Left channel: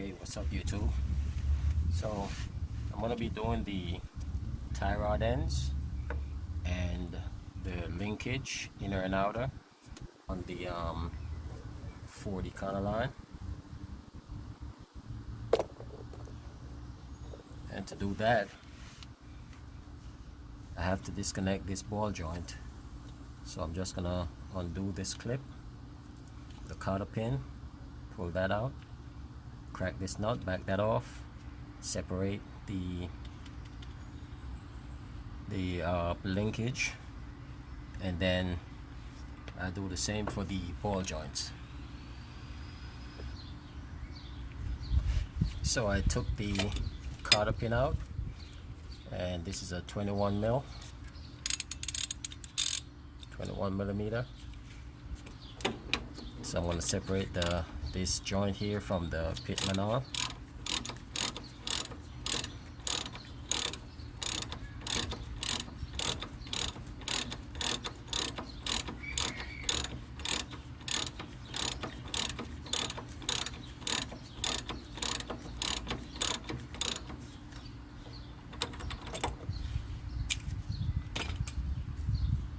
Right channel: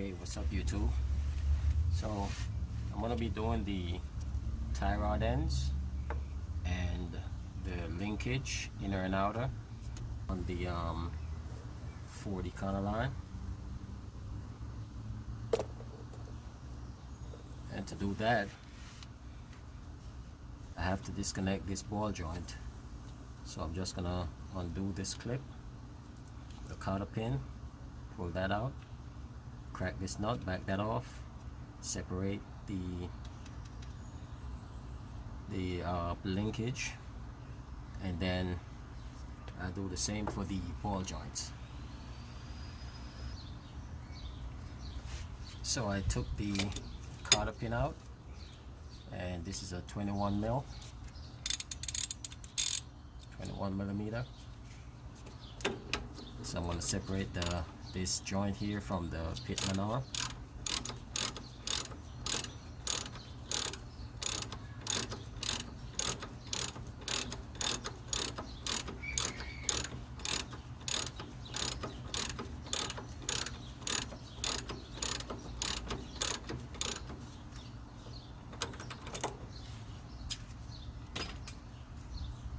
Hey, what's up YouTube? So I'm gonna be doing the tie rod ends and the linkage inner and outer on the 40 kind of line. And to do that, I have to disconnect this ball joint. So I'm just gonna undo this clip, the cotter pin, pull that out, crack this nut, back that off, separate the linkage, and then I do the same for the ball joints. So I took the cotter pin out, and this is a 21 millimeter. So I'm going to separate this joint here from the pitman arm.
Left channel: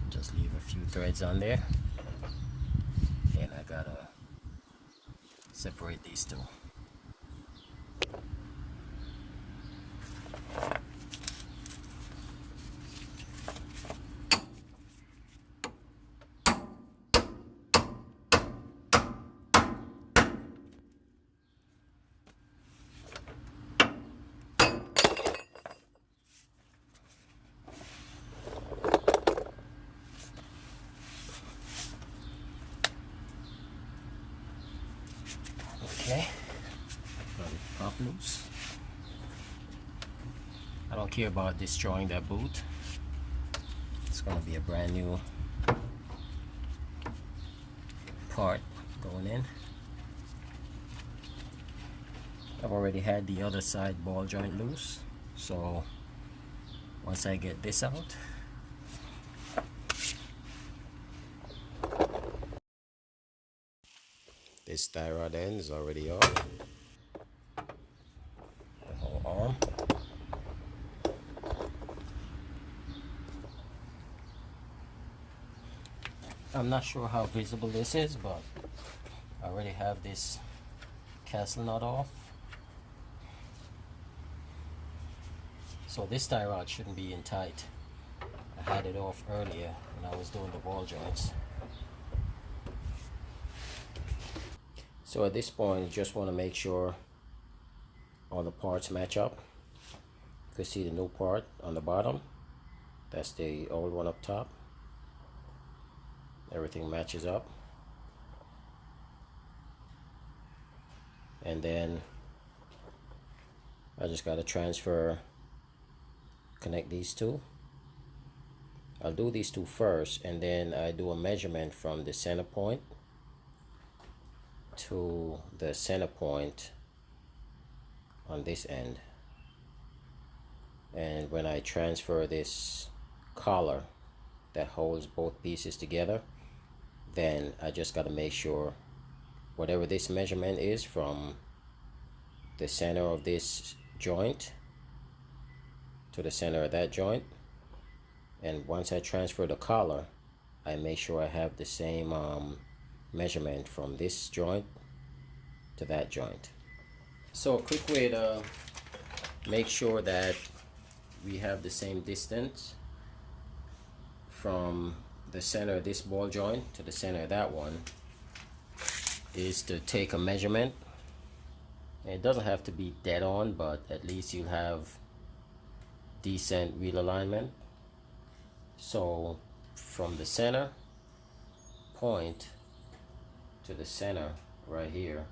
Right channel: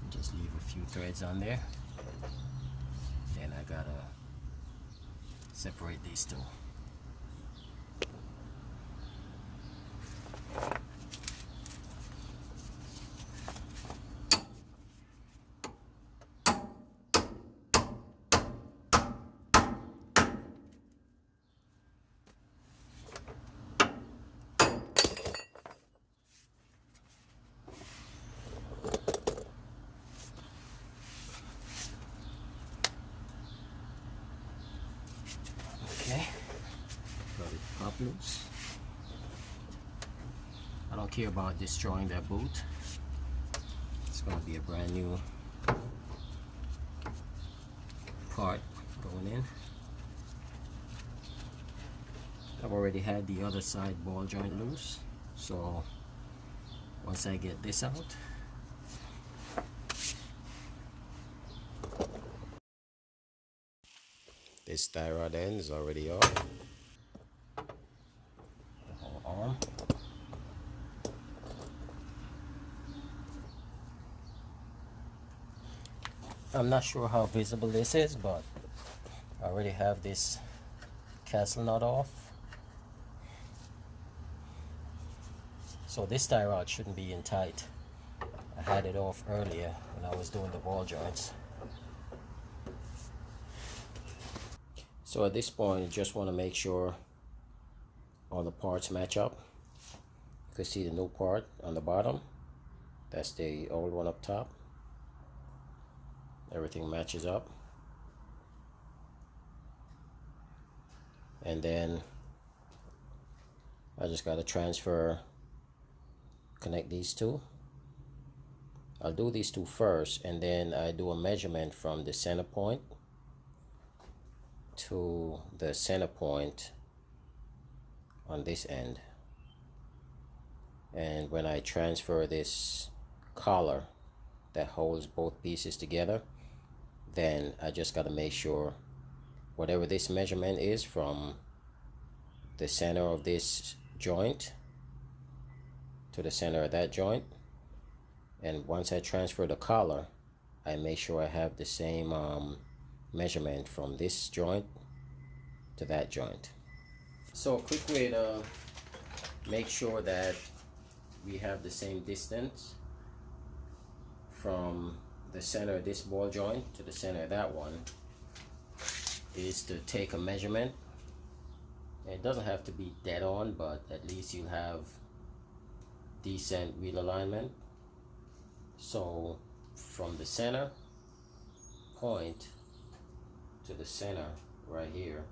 Just leave a few threads on there, and I gotta separate these two. Okay, let it pop loose. I don't care about destroying that boot. It's gonna be a brand new part going in. I've already had the other side ball joint loose, so once I get this out, this tie rod end is already off, the whole arm. I'm not sure how visible this is, but I already have this castle nut off. So this tie rod shouldn't be in tight. I had it off earlier when I was doing the ball joints. So at this point, I just want to make sure all the parts match up. You can see the new part on the bottom. That's the old one up top. Everything matches up. And then I just got to connect these two. I'll do these two first, and then I do a measurement from the center point to the center point on this end. And when I transfer this collar that holds both pieces together, then I just got to make sure whatever this measurement is from the center of this joint to the center of that joint, and once I transfer the collar, I make sure I have the same measurement from this joint to that joint. So a quick way to make sure that we have the same distance from the center of this ball joint to the center of that one is to take a measurement. It doesn't have to be dead on, but at least you'll have decent wheel alignment. So from the center point to the center right here,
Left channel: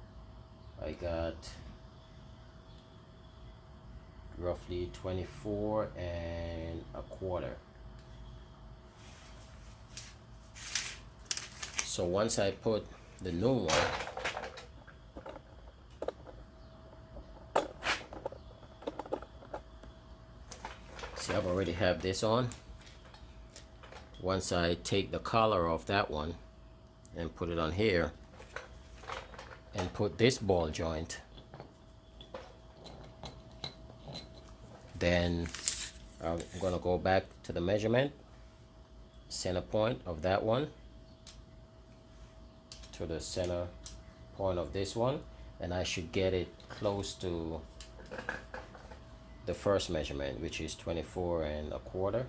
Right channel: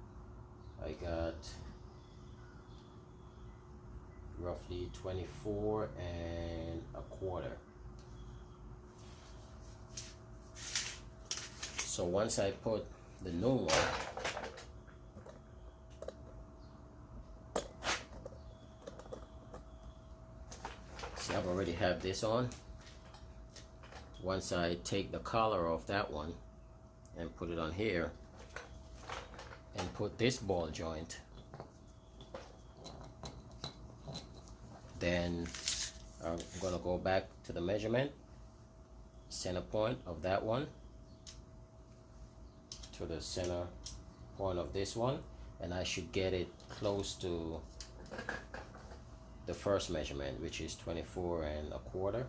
I got roughly 24 1/4. So once I put the new one, see, I've already have this on. Once I take the collar off that one and put it on here and put this ball joint Then I'm going to go back to the measurement, center point of that one to the center point of this one, and I should get it close to the first measurement, which is 24¼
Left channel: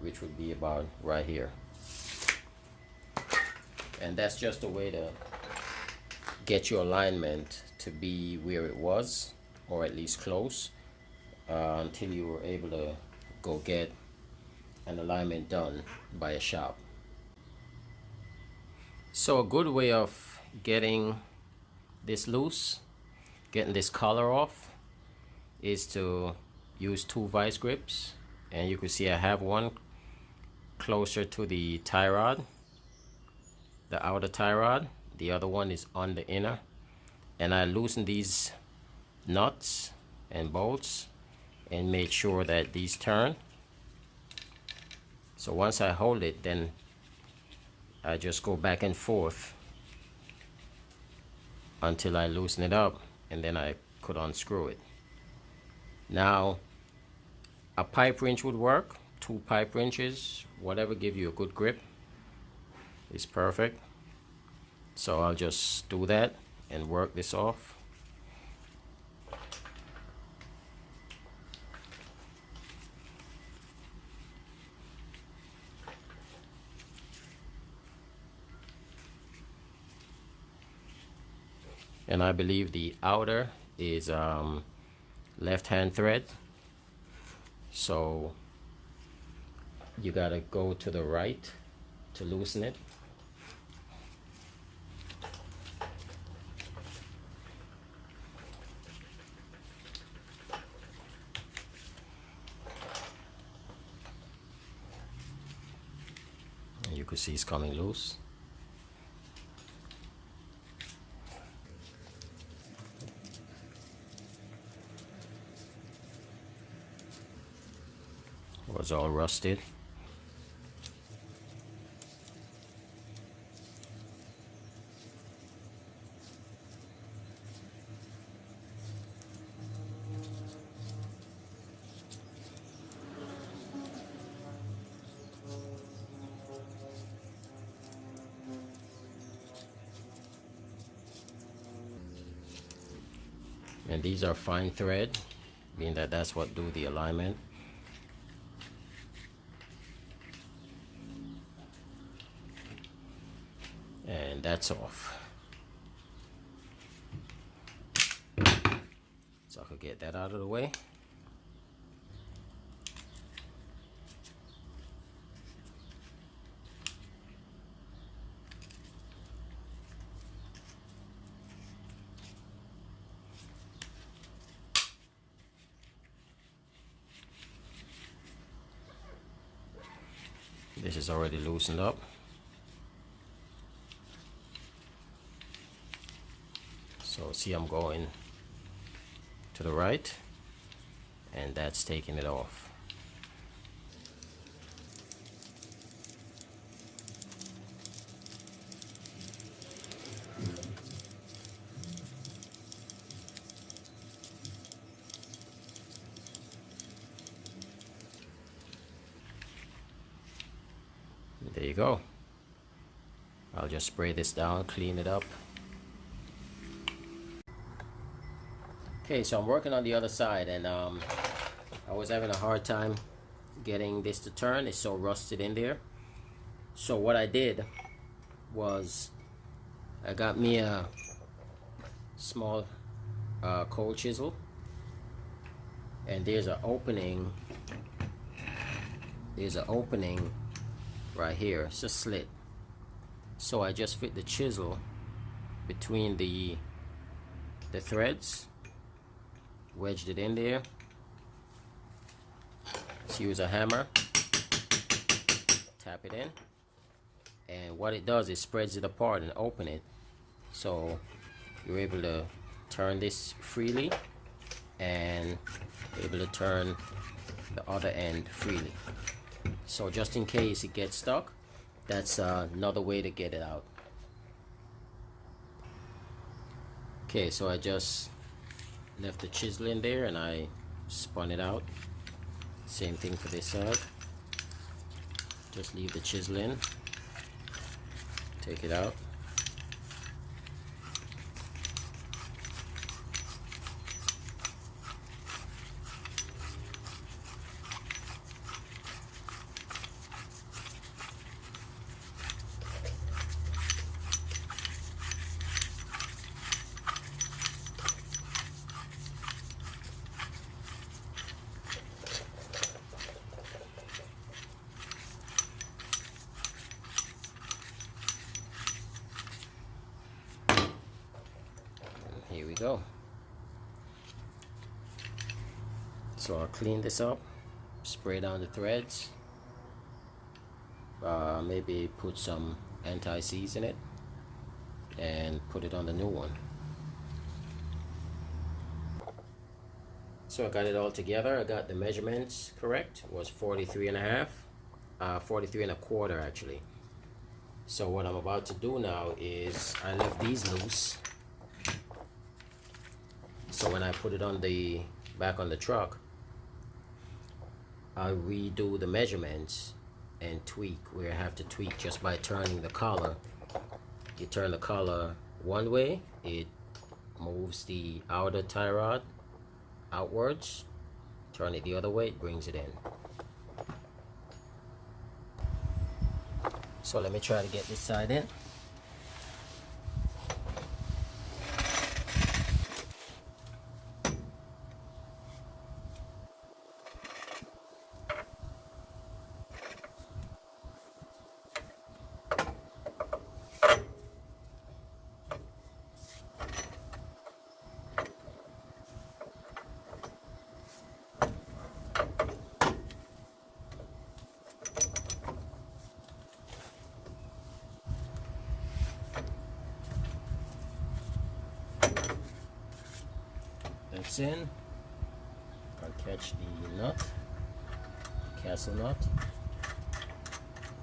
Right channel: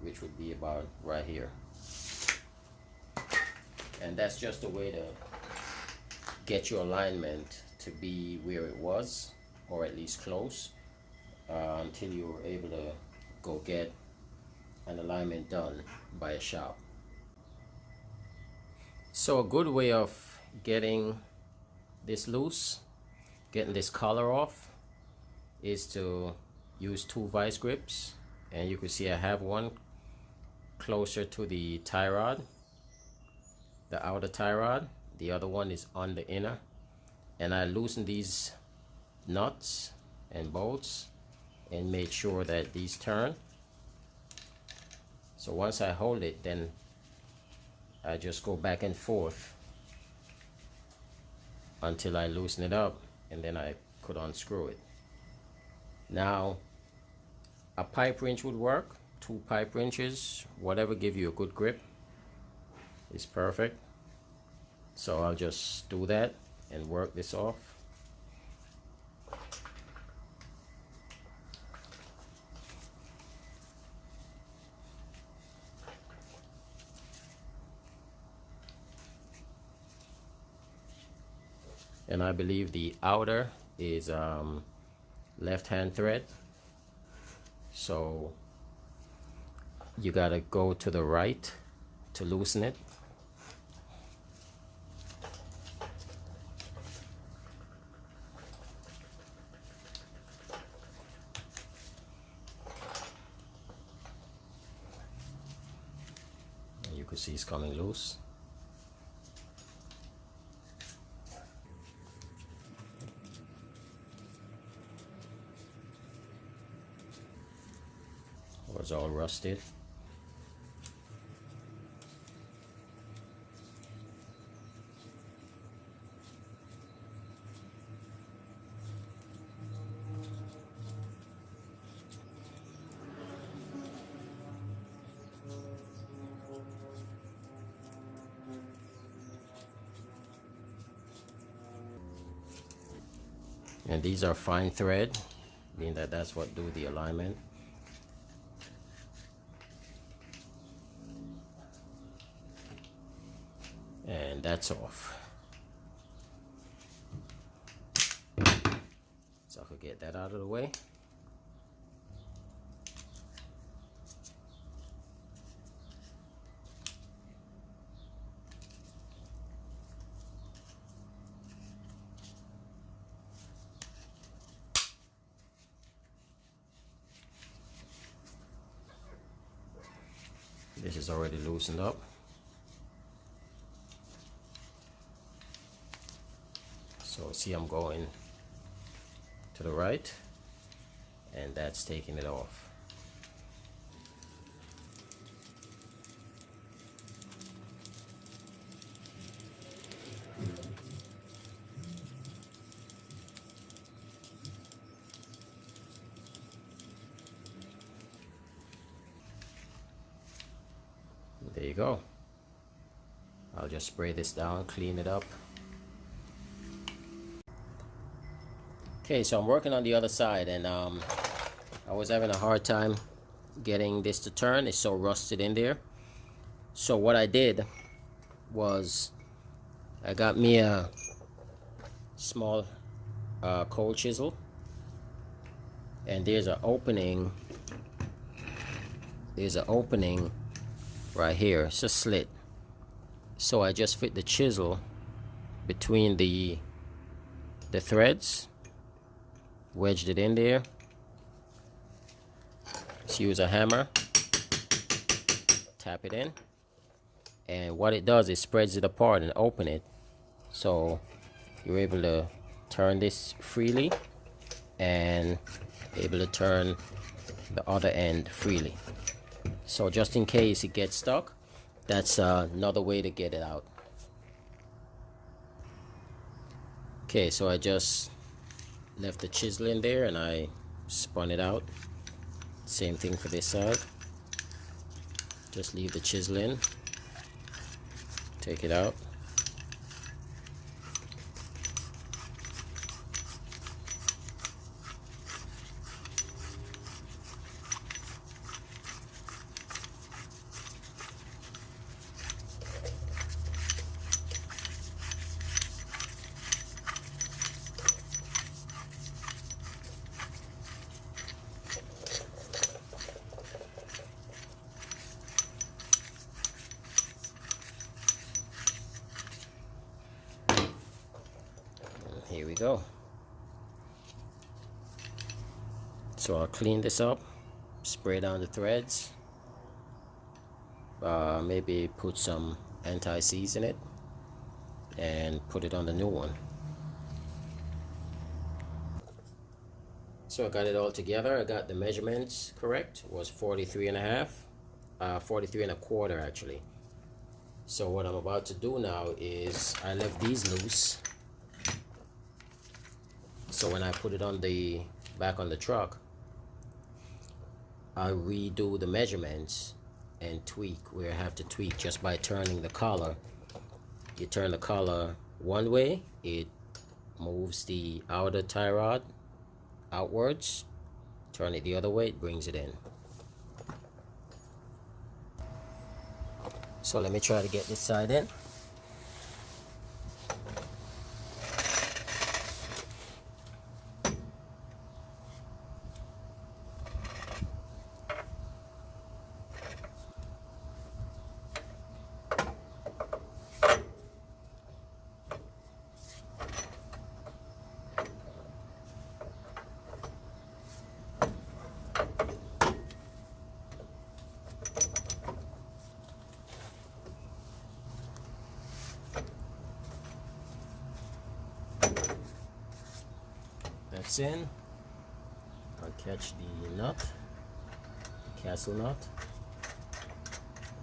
which would be about right here. And that's just a way to get your alignment to be where it was, or at least close, until you were able to go get an alignment done by a shop. So a good way of getting this loose, getting this collar off, is to use 2 vice grips. And you can see I have one closer to the tie rod, the outer tie rod. The other one is on the inner, and I loosen these nuts and bolts and make sure that these turn. So once I hold it, then I just go back and forth until I loosen it up, and then I could unscrew it. Now a pipe wrench would work, 2 pipe wrenches, whatever give you a good grip is perfect. So I'll just do that and work this off. And I believe the outer is left hand thread, so you gotta go to the right to loosen it. You can see it's coming loose. It was all rusted. And these are fine thread, meaning that that's what do the alignment. And that's off. So I could get that out of the way. This is already loosened up. So see, I'm going to the right, and that's taking it off. There you go. I'll just spray this down, clean it up. Okay, so I'm working on the other side, and I was having a hard time getting this to turn. It's so rusted in there. So what I did was I got me a small cold chisel, and there's an opening. There's an opening right here. It's a slit. So I just fit the chisel between the threads, wedged it in there. Just use a hammer, tap it in, and what it does is spreads it apart and open it, so you're able to turn this freely and able to turn the other end freely. So just in case it gets stuck, that's another way to get it out. Okay, so I just left the chisel in there, and I spun it out. Same thing for this side. Just leave the chisel in, take it out. Here we go. So I'll clean this up, spray down the threads, maybe put some anti-seize in it, and put it on the new one. So I got it all together. I got the measurements correct. It was 43 and a half, 43 and a quarter actually. So what I'm about to do now is I left these loose. So when I put it on the back on the truck, I'll redo the measurements and tweak where I have to tweak just by turning the collar. You turn the collar one way, it moves the outer tie rod outwards. Turn it the other way, it brings it in. So let me try to get this side in. That's in. I'll catch the nut, the castle nut.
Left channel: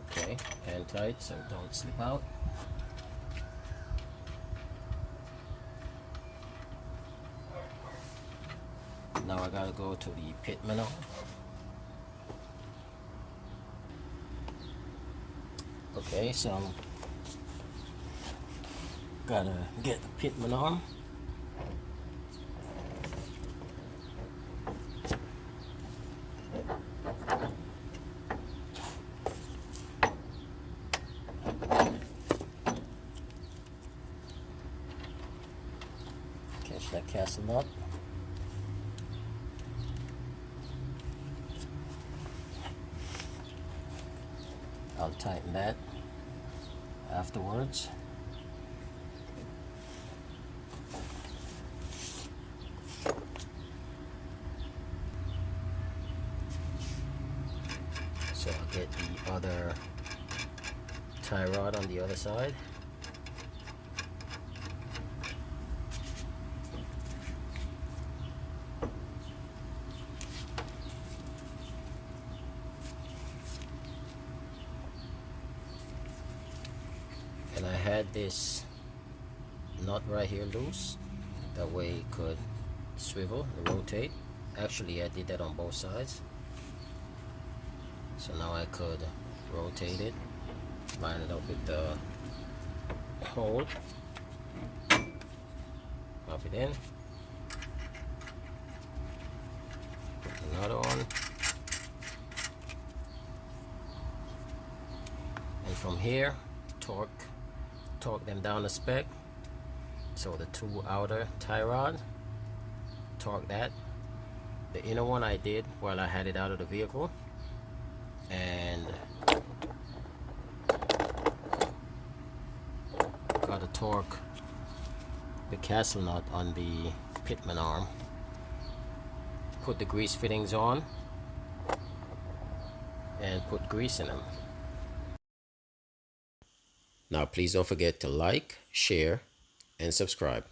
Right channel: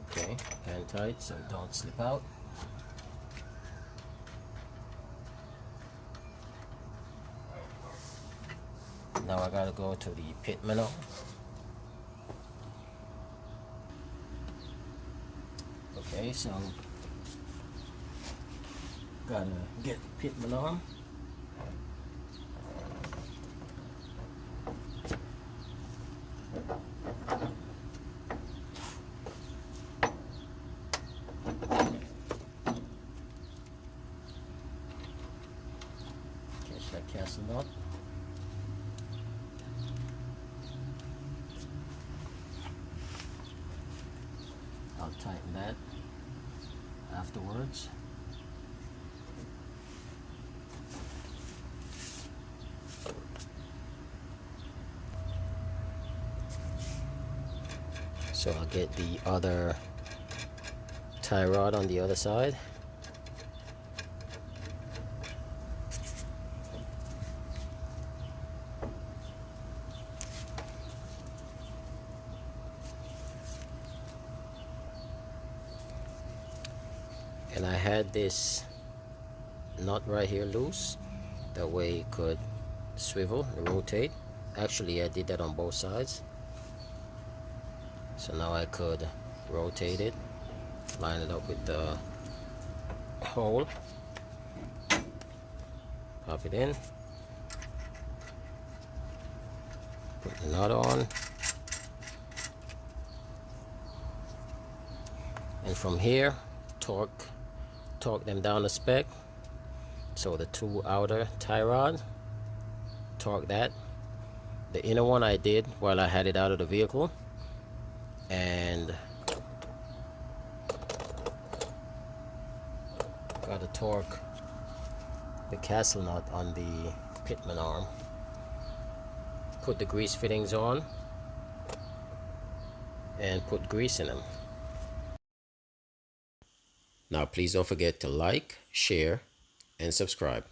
Okay, hand tight so it don't slip out. Now I gotta go to the pit manor. Okay, so gotta get the pit manor. Catch that castle nut. I'll tighten that afterwards. So I'll get the other tie rod on the other side. And I had this nut right here loose, that way it could swivel and rotate. Actually, I did that on both sides. So now I could rotate it, line it up with the hole, pop it in, put the nut on, and from here torque them down a spec. So the two outer tie rod, torque that. The inner one I did while I had it out of the vehicle, and gotta torque the castle nut on the pitman arm. Put the grease fittings on and put grease in them. Now please don't forget to like, share, and subscribe.